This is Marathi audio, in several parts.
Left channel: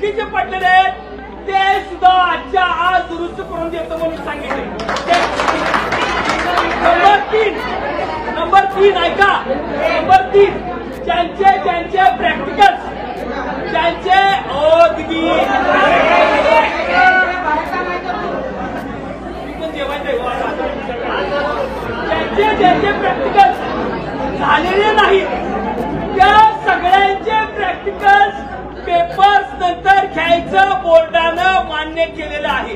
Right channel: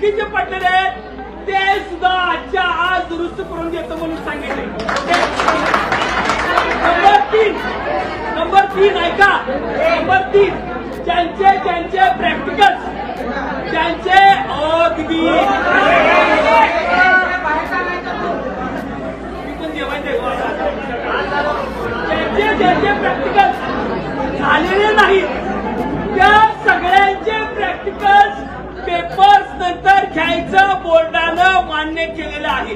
चुकीचे पडलेले आहेत ते सुद्धा आजच्या आज दुरुस्त करून देतो म्हणून सांगितले। नंबर 3 ऐका, नंबर 3 ज्यांचे प्रॅक्टिकल्स ज्यांचे दिदी ज्यांचे प्रॅक्टिकल्स झालेले नाहीत त्या सगळ्यांचे प्रॅक्टिकल्स पेपर्स नंतर घ्यायचं बोर्डानं मान्य केलेलं आहे।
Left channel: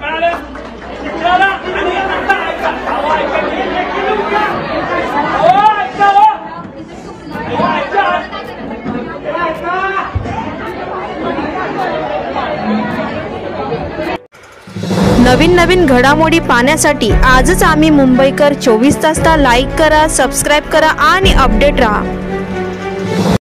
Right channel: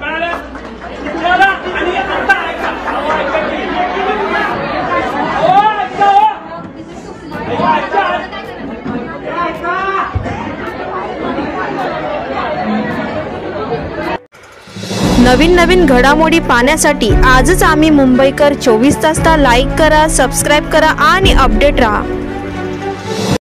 कळालं त्याला? आणि आता ऐका नवीन घडामोडी पाहण्यासाठी आजच आम्ही मुंबईकर 24 तासला लाईक करा, सबस्क्राईब करा आणि अपडेट रहा।